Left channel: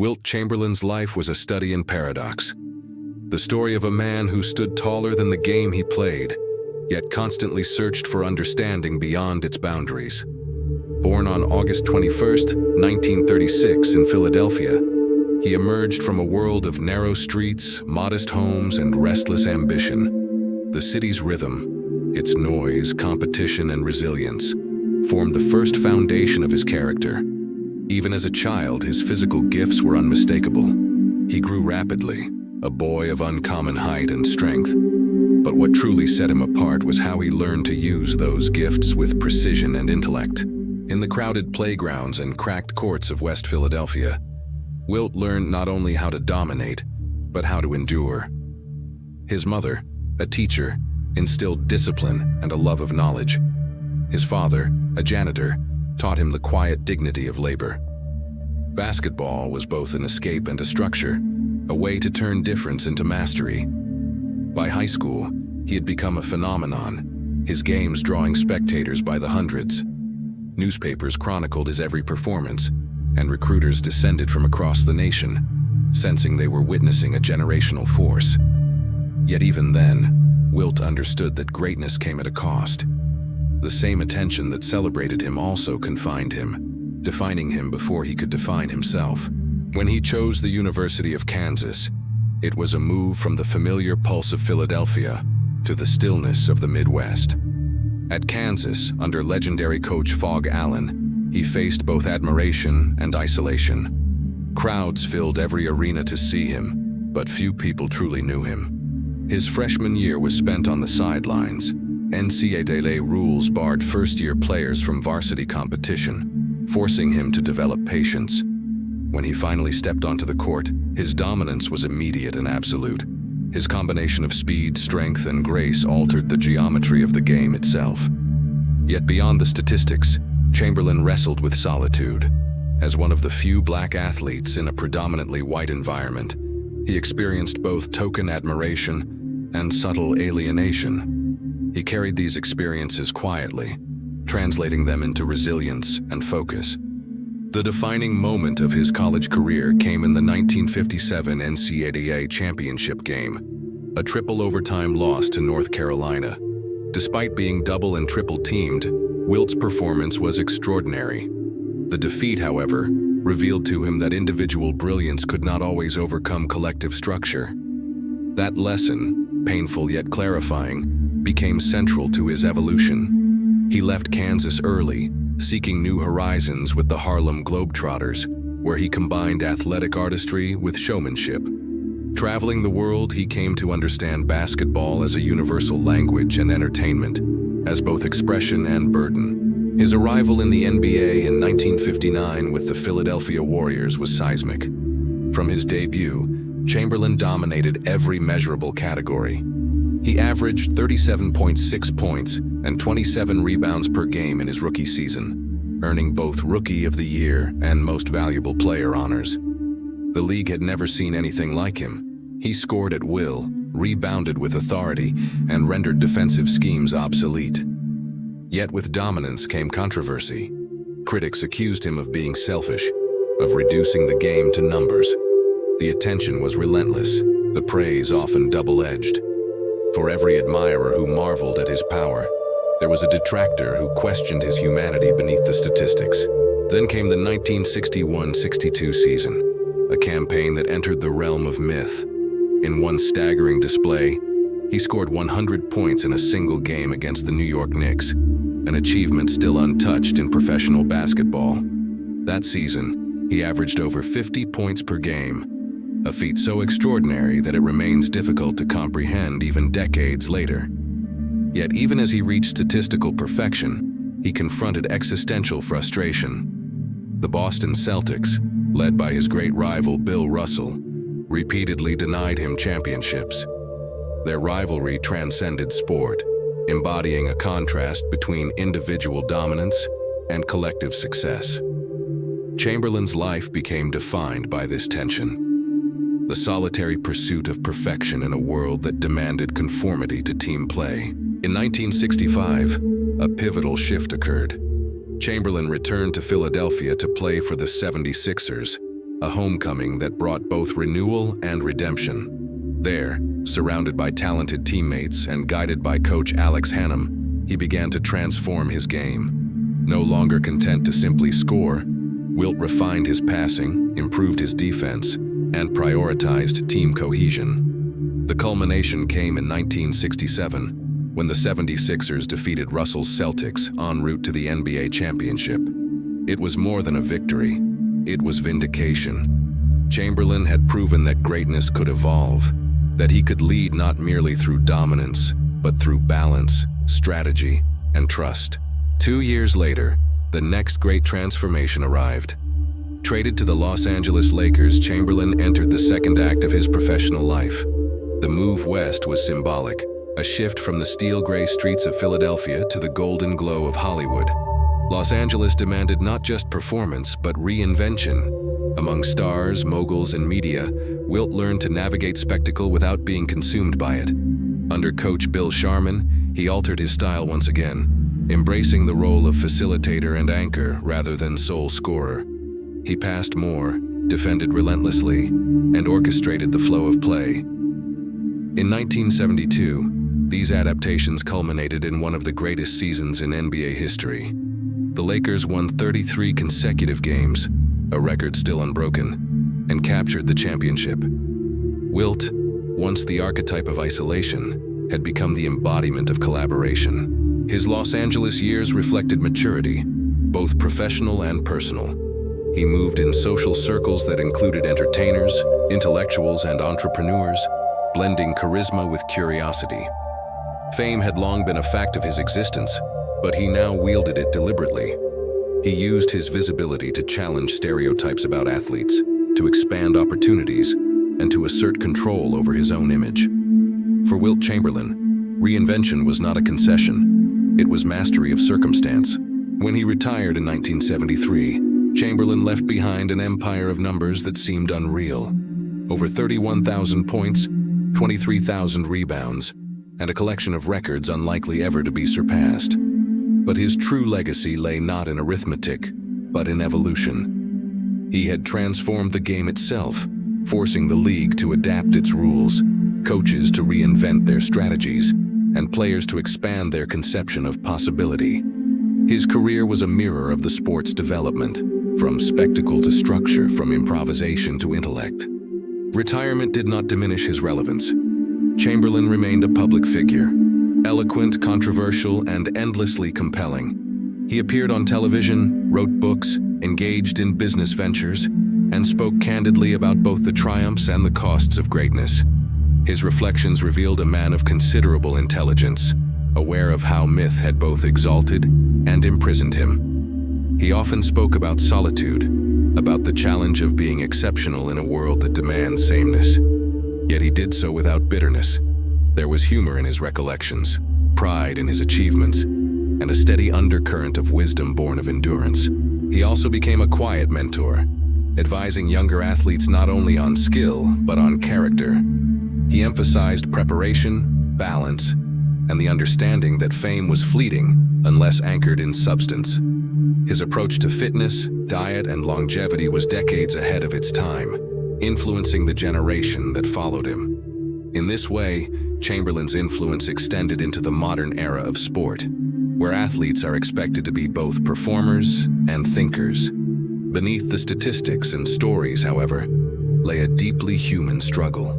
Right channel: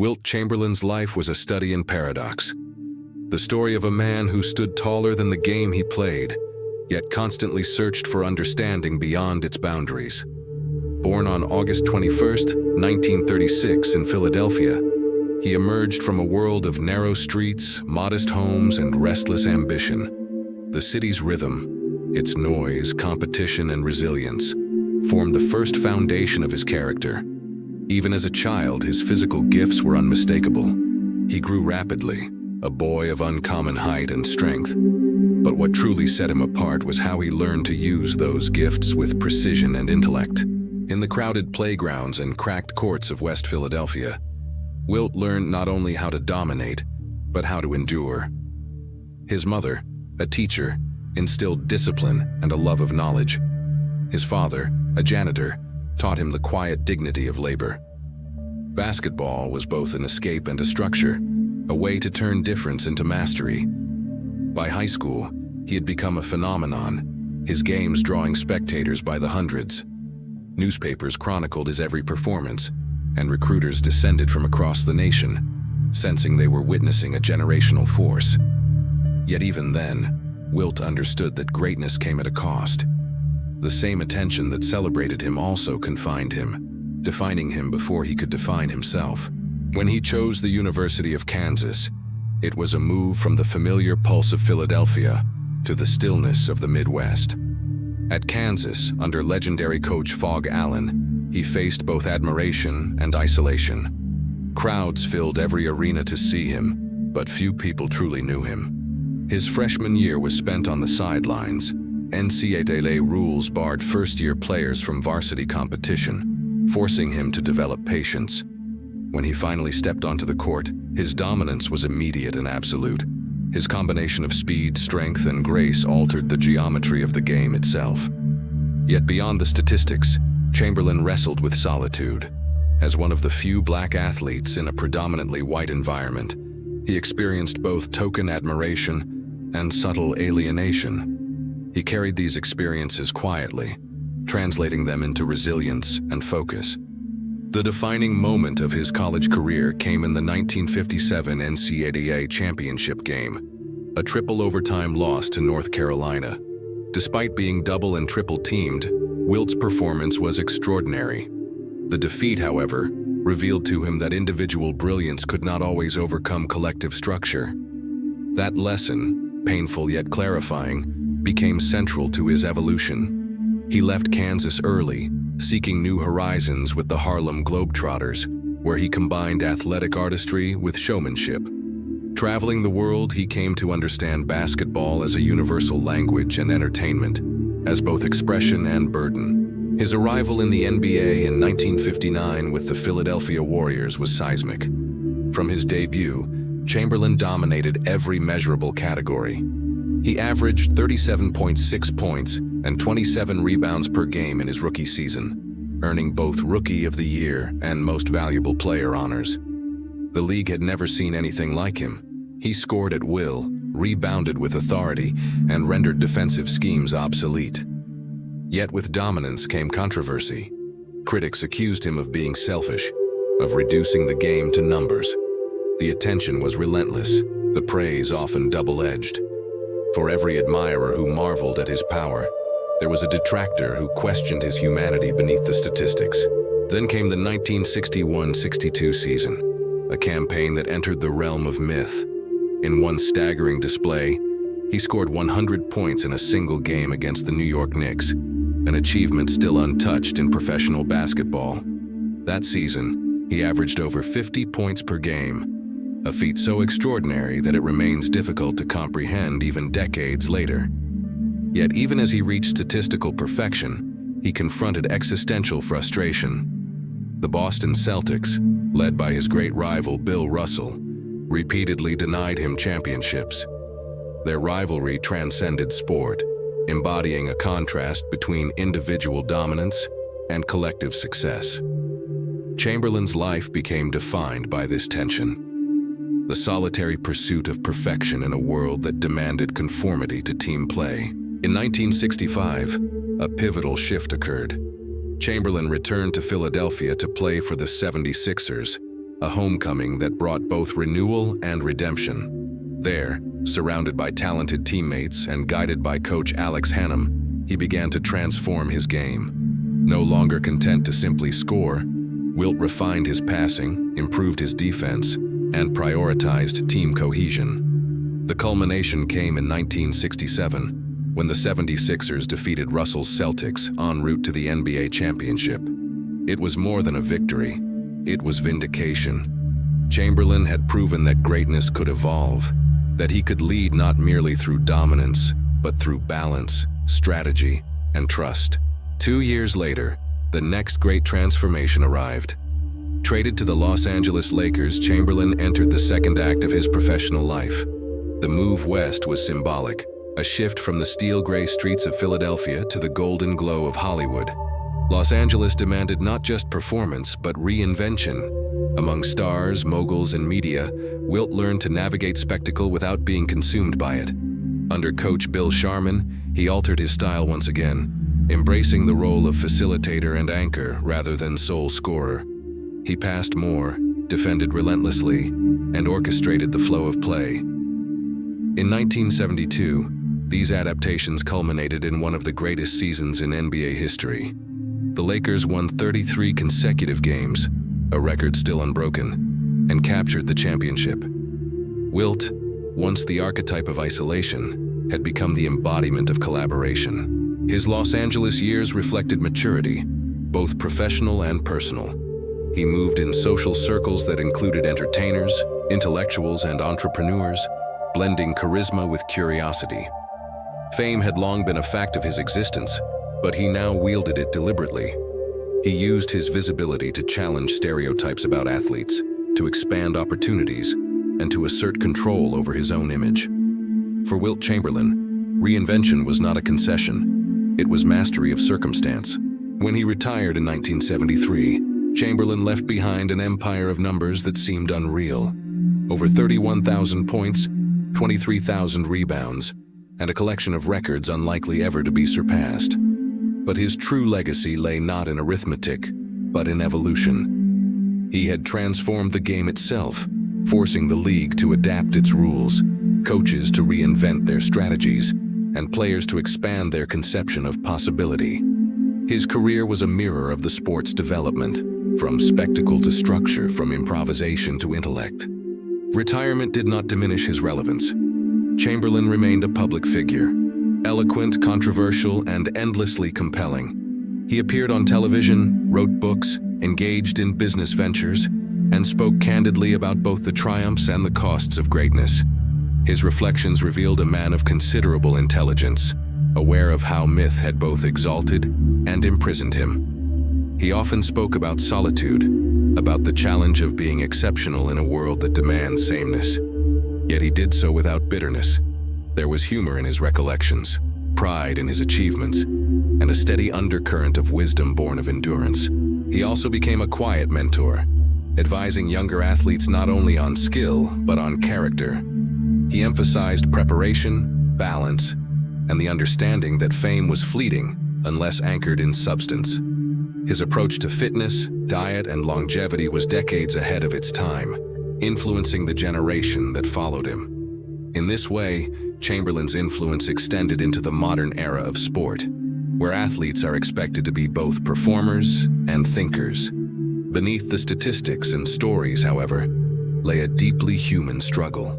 Wilt Chamberlain's life was a study in paradox. The story of a man who stood taller than the game he played, yet constantly searched for understanding beyond its boundaries. Born on August 21, 1936 in Philadelphia, he emerged from a world of narrow streets, modest homes, and restless ambition. The city's rhythm, its noise, competition, and resilience, formed the first foundation of his character. Even as a child, his physical gifts were unmistakable. He grew rapidly, a boy of uncommon height and strength. But what truly set him apart was how he learned to use those gifts with precision and intellect. In the crowded playgrounds and cracked courts of West Philadelphia, Wilt learned not only how to dominate, but how to endure. His mother, a teacher, instilled discipline and a love of knowledge. His father, a janitor, taught him the quiet dignity of labor. Basketball was both an escape and a structure, a way to turn difference into mastery. By high school, he had become a phenomenon, his games drawing spectators by the hundreds. Newspapers chronicled his every performance, and recruiters descended from across the nation, sensing they were witnessing a generational force. Yet even then, Wilt understood that greatness came at a cost. The same attention that celebrated him also confined him, defining him before he could define himself. When he chose the University of Kansas, it was a move from the familiar pulse of Philadelphia to the stillness of the Midwest. At Kansas, under legendary coach Phog Allen, he faced both admiration and isolation. Crowds filled every arena to see him, but few people truly knew him. His freshman year was spent on the sidelines. NCAA rules barred first-year players from varsity competition, forcing him to develop patience. When he finally stepped onto the court, his dominance was immediate and absolute. His combination of speed, strength, and grace altered the geometry of the game itself. Yet beyond the statistics, Chamberlain wrestled with solitude. As one of the few black athletes in a predominantly white environment, he experienced both token admiration and subtle alienation. He carried these experiences quietly, translating them into resilience and focus. The defining moment of his college career came in the 1957 NCAA championship game, a triple overtime loss to North Carolina. Despite being double and triple teamed, Wilt's performance was extraordinary. The defeat, however, revealed to him that individual brilliance could not always overcome collective structure. That lesson, painful yet clarifying, became central to his evolution. He left Kansas early, seeking new horizons with the Harlem Globetrotters, where he combined athletic artistry with showmanship. Traveling the world, he came to understand basketball as a universal language and entertainment, as both expression and burden. His arrival in the NBA in 1959 with the Philadelphia Warriors was seismic. From his debut, Chamberlain dominated every measurable category. He averaged 37.6 points and 27 rebounds per game in his rookie season, earning both Rookie of the Year and Most Valuable Player honors. The league had never seen anything like him. He scored at will, rebounded with authority, and rendered defensive schemes obsolete. Yet with dominance came controversy. Critics accused him of being selfish, of reducing the game to numbers. The attention was relentless, the praise often double-edged. For every admirer who marveled at his power, there was a detractor who questioned his humanity beneath the statistics. Then came the 1961-62 season, a campaign that entered the realm of myth. In one staggering display, he scored 100 points in a single game against the New York Knicks, an achievement still untouched in professional basketball. That season, he averaged over 50 points per game, a feat so extraordinary that it remains difficult to comprehend even decades later. Yet even as he reached statistical perfection, he confronted existential frustration. The Boston Celtics, led by his great rival Bill Russell, repeatedly denied him championships. Their rivalry transcended sport, embodying a contrast between individual dominance and collective success. Chamberlain's life became defined by this tension, the solitary pursuit of perfection in a world that demanded conformity to team play. In 1965, a pivotal shift occurred. Chamberlain returned to Philadelphia to play for the 76ers, a homecoming that brought both renewal and redemption. There, surrounded by talented teammates and guided by coach Alex Hannum, he began to transform his game. No longer content to simply score, Wilt refined his passing, improved his defense, and prioritized team cohesion. The culmination came in 1967, when the 76ers defeated Russell's Celtics en route to the NBA championship. It was more than a victory, it was vindication. Chamberlain had proven that greatness could evolve, that he could lead not merely through dominance, but through balance, strategy, and trust. 2 years later, the next great transformation arrived. Traded to the Los Angeles Lakers, Chamberlain entered the second act of his professional life. The move west was symbolic, a shift from the steel-gray streets of Philadelphia to the golden glow of Hollywood. Los Angeles demanded not just performance, but reinvention. Among stars, moguls, and media, Wilt learned to navigate spectacle without being consumed by it. Under coach Bill Sharman, he altered his style once again, embracing the role of facilitator and anchor rather than sole scorer. He passed more, defended relentlessly, and orchestrated the flow of play. In 1972, these adaptations culminated in one of the greatest seasons in NBA history. The Lakers won 33 consecutive games, a record still unbroken, and captured the championship. Wilt, once the archetype of isolation, had become the embodiment of collaboration. His Los Angeles years reflected maturity, both professional and personal. He moved in social circles that included entertainers, intellectuals, and entrepreneurs, blending charisma with curiosity. Fame had long been a fact of his existence, but he now wielded it deliberately. He used his visibility to challenge stereotypes about athletes, to expand opportunities, and to assert control over his own image. For Wilt Chamberlain, reinvention was not a concession, it was mastery of circumstance. When he retired in 1973, Chamberlain left behind an empire of numbers that seemed unreal. Over 31,000 points, 23,000 rebounds, and a collection of records unlikely ever to be surpassed. But his true legacy lay not in arithmetic, but in evolution. He had transformed the game itself, forcing the league to adapt its rules, coaches to reinvent their strategies, and players to expand their conception of possibility. His career was a mirror of the sport's development, from spectacle to structure, from improvisation to intellect. Retirement did not diminish his relevance. Chamberlain remained a public figure, eloquent, controversial, and endlessly compelling. He appeared on television, wrote books, engaged in business ventures, and spoke candidly about both the triumphs and the costs of greatness. His reflections revealed a man of considerable intelligence, aware of how myth had both exalted and imprisoned him. He often spoke about solitude, about the challenge of being exceptional in a world that demands sameness. Yet he did so without bitterness. There was humor in his recollections, pride in his achievements, and a steady undercurrent of wisdom born of endurance. He also became a quiet mentor, advising younger athletes not only on skill, but on character. He emphasized preparation, balance, and the understanding that fame was fleeting unless anchored in substance. His approach to fitness, diet, and longevity was decades ahead of its time, influencing the generation that followed him. In this way, Chamberlain's influence extended into the modern era of sport, where athletes are expected to be both performers and thinkers. Beneath the statistics and stories, however, lay a deeply human struggle.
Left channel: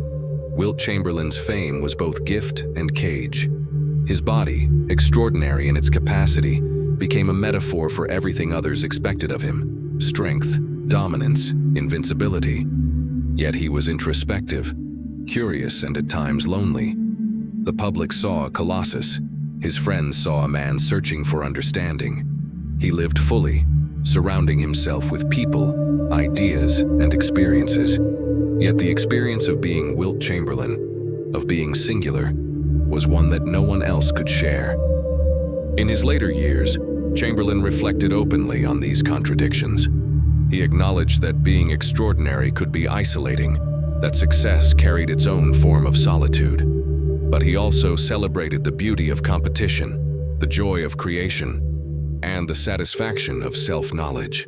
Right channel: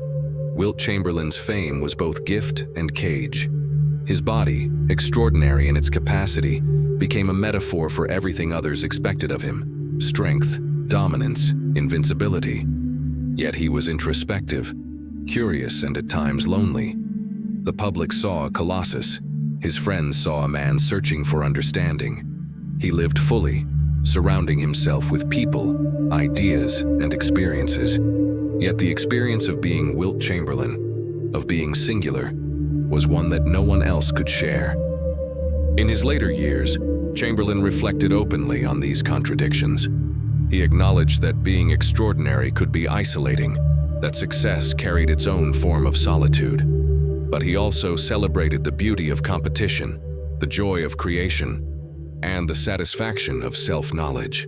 Wilt Chamberlain's fame was both gift and cage. His body, extraordinary in its capacity, became a metaphor for everything others expected of him: strength, dominance, invincibility. Yet he was introspective, curious, and at times lonely. The public saw a colossus. His friends saw a man searching for understanding. He lived fully, surrounding himself with people, ideas, and experiences. Yet the experience of being Wilt Chamberlain, of being singular, was one that no one else could share. In his later years, Chamberlain reflected openly on these contradictions. He acknowledged that being extraordinary could be isolating, that success carried its own form of solitude. But he also celebrated the beauty of competition, the joy of creation, and the satisfaction of self-knowledge.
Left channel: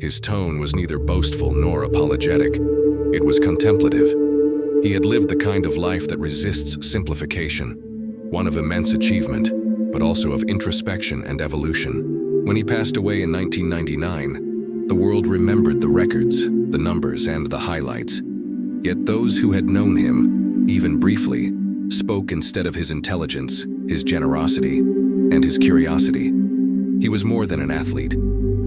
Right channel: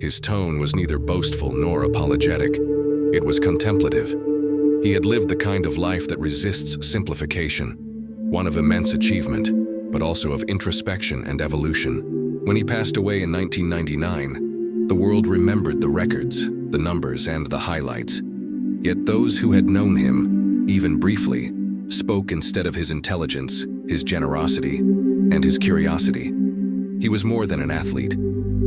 His tone was neither boastful nor apologetic. It was contemplative. He had lived the kind of life that resists simplification, one of immense achievement, but also of introspection and evolution. When he passed away in 1999, the world remembered the records, the numbers, and the highlights. Yet those who had known him, even briefly, spoke instead of his intelligence, his generosity, and his curiosity. He was more than an athlete.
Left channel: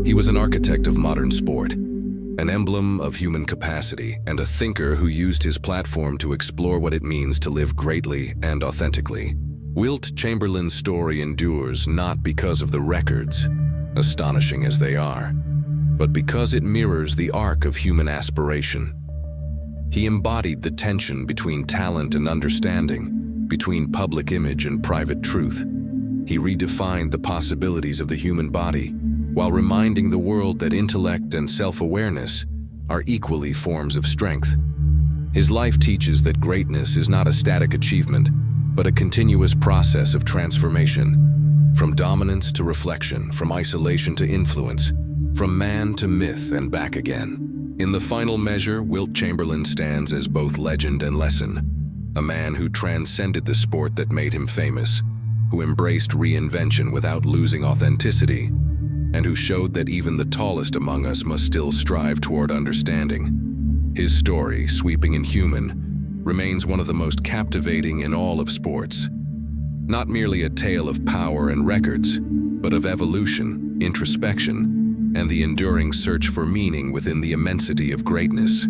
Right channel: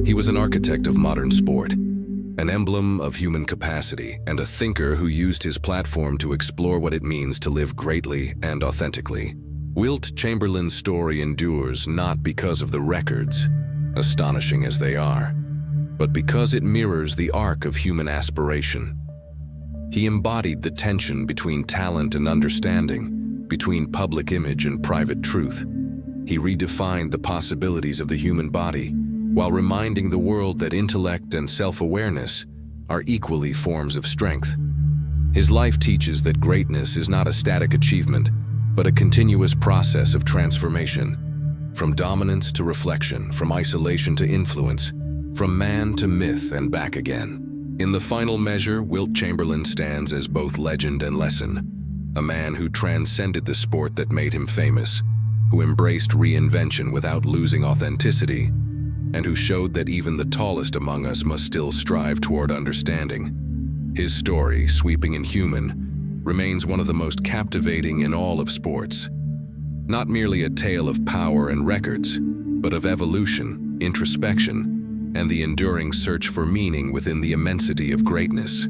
He was an architect of modern sport, an emblem of human capacity, and a thinker who used his platform to explore what it means to live greatly and authentically. Wilt Chamberlain's story endures not because of the records, astonishing as they are, but because it mirrors the arc of human aspiration. He embodied the tension between talent and understanding, between public image and private truth. He redefined the possibilities of the human body, while reminding the world that intellect and self-awareness are equally forms of strength. His life teaches that greatness is not a static achievement, but a continuous process of transformation. From dominance to reflection, from isolation to influence, from man to myth and back again. In the final measure, Wilt Chamberlain stands as both legend and lesson, a man who transcended the sport that made him famous, who embraced reinvention without losing authenticity, and who showed that even the tallest among us must still strive toward understanding. His story, sweeping and human, remains one of the most captivating in all of sports. Not merely a tale of power and records, but of evolution, introspection, and the enduring search for meaning within the immensity of greatness.